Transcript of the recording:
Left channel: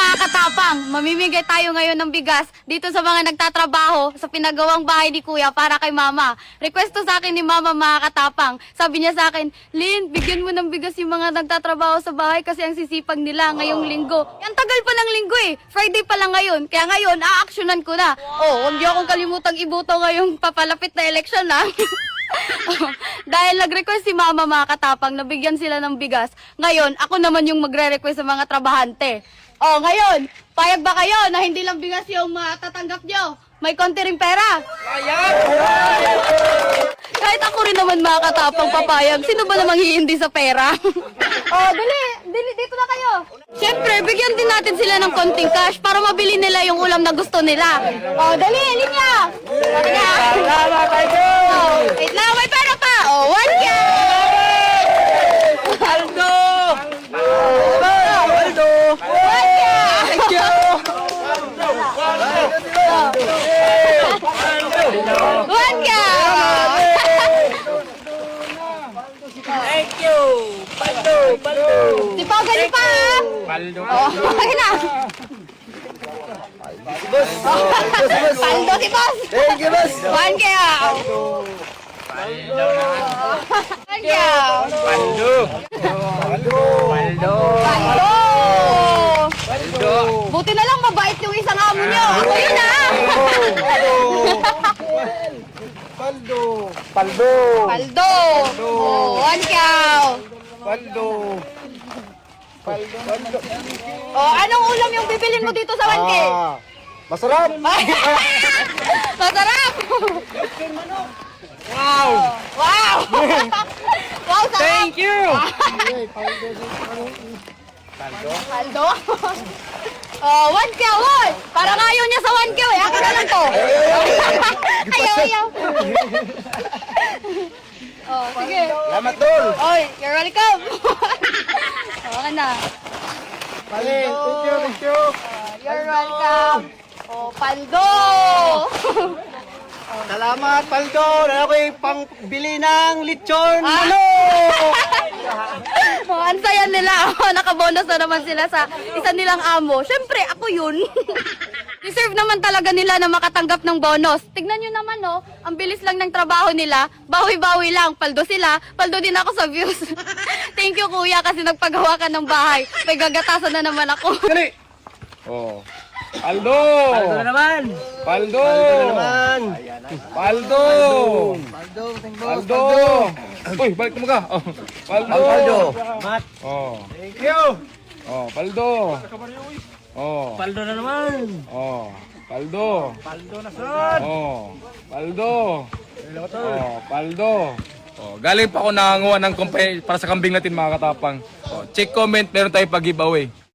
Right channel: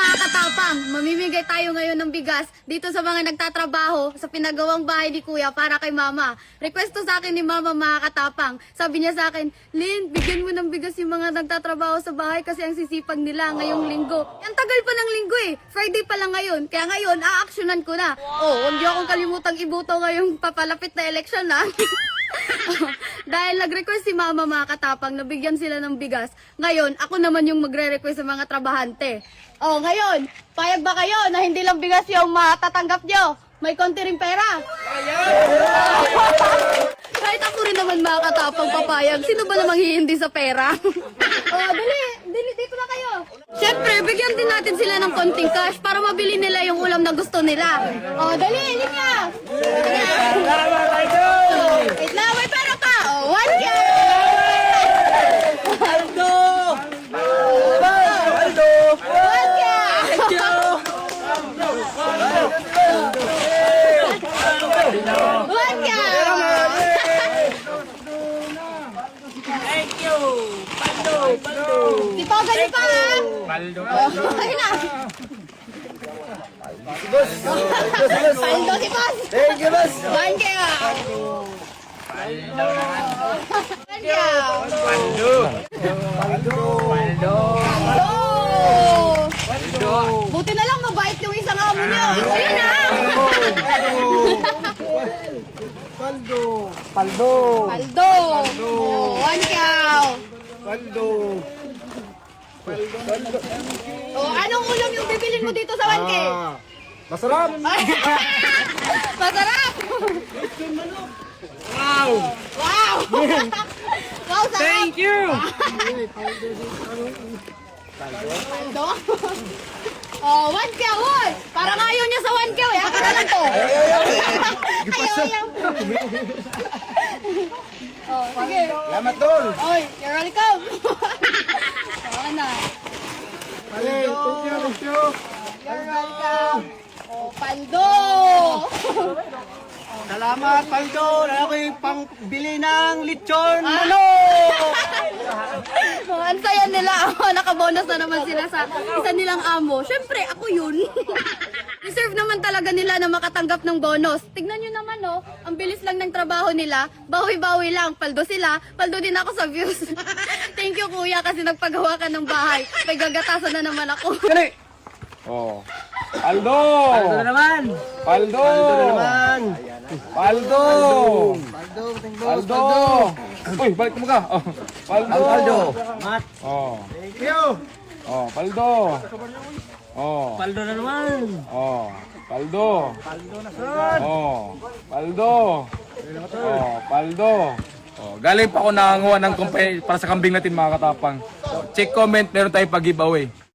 mga katapang, mamimigay tayo ngayon ng bigas dito sa mga nagtatrabaho sa pinagawang bahay ni Kuya para kay Mama. Request to sa akin ni Mama mga katapang. Sabi niya sa akin, Lynn, bigyan mo ng bigas yung mga nagtatrabaho sa bahay kasi ang sisipag nila ngayong linggo. Ang tagal pa ng linggo eh. Friday pa lang ngayon. Kaya ngayon, aaksyonan ko na. Oh, huwag niyo akong kalimutang ibuto ngayong papalapit na eleksyon ha. Dahil nag-request si Mama mga katapang na bigyan sila ng bigas. Ngayon, ako naman yung magre-request sa mga trabahante. Oh, ngayon, payag ba kayo na hindi lang bigas yung matatanggap nyo? May konti ring pera. Kahit ako rin naman mga katapang papayag, sino ba namang hiindi sa pera? Oh, dali, dito na kayo. Siyempre, bigyan din natin sila ng konting cash para mabili nila yung ulam na gusto nila. Oh, dali, linya. Oh, wait lang, may pera pa. Oh, 1K! Aldo! Aldo! 1K! Thank you! 1K! Thank you! Paldo! Paldo! Si Pao, gali pa! Paldo! Oh, okay na. Boss! Paldo si Boss! Thank you, boss! 1K! 1K! Paldo! Paldo! Paldo! Paldo! Paldo! Buti na lang mabait yung isang amo niya. Ako yun ah! Paldo! Paldo! Paldo! Oh, 1K! Paldo! Oh, anong ulam yung bibilin mo dito sa 1K? Masarap! Masarap! Wow! Wow! Wow, sarap! Thank you! Paldo? Oh, 1K, oy! Parang ayaw niya sa 1K, eh. Ako na lang to. Ayaw. Oh, sige. Salamat doon! Oy, you're welcome. Okay na. Thank you! You're welcome. Oh, Paldo! Salamat, Paldo! Ano ko yung pangbili ng lechon? Ano? Oh, ang saya nila. Nakabonus na naman sila sa isa nilang amo. Siyempre, ako yun. Deserve naman talaga nila na makatanggap ng bonus. Tignan nyo naman, oh. Ang bilis lang ng trabaho nila. Bawi-bawi lang. Paldo sila. Paldo din ako sa views. Thank you, kuya, kasi nagpagawa ka ng bahay. May gagatasan na naman ako. Dali! Oh. Paldo! Paldo na naman! Paldo! Paldo na naman! Paldo! Paldo! Thank you, Paldo! Uy, balik mo ka. Oh. Paldo! Paldo! Mat! Oh. Thank you! Oh, Paldo. Oh. Paldo na naman! Oh. Paldo. Paldo na son! Oh. Paldo. Oh, Paldo. Oh, galing pa ako nanganguha ng kumpay para sa kambing natin mga katapang. Oh, check comment, meron tayong pag-giveaway.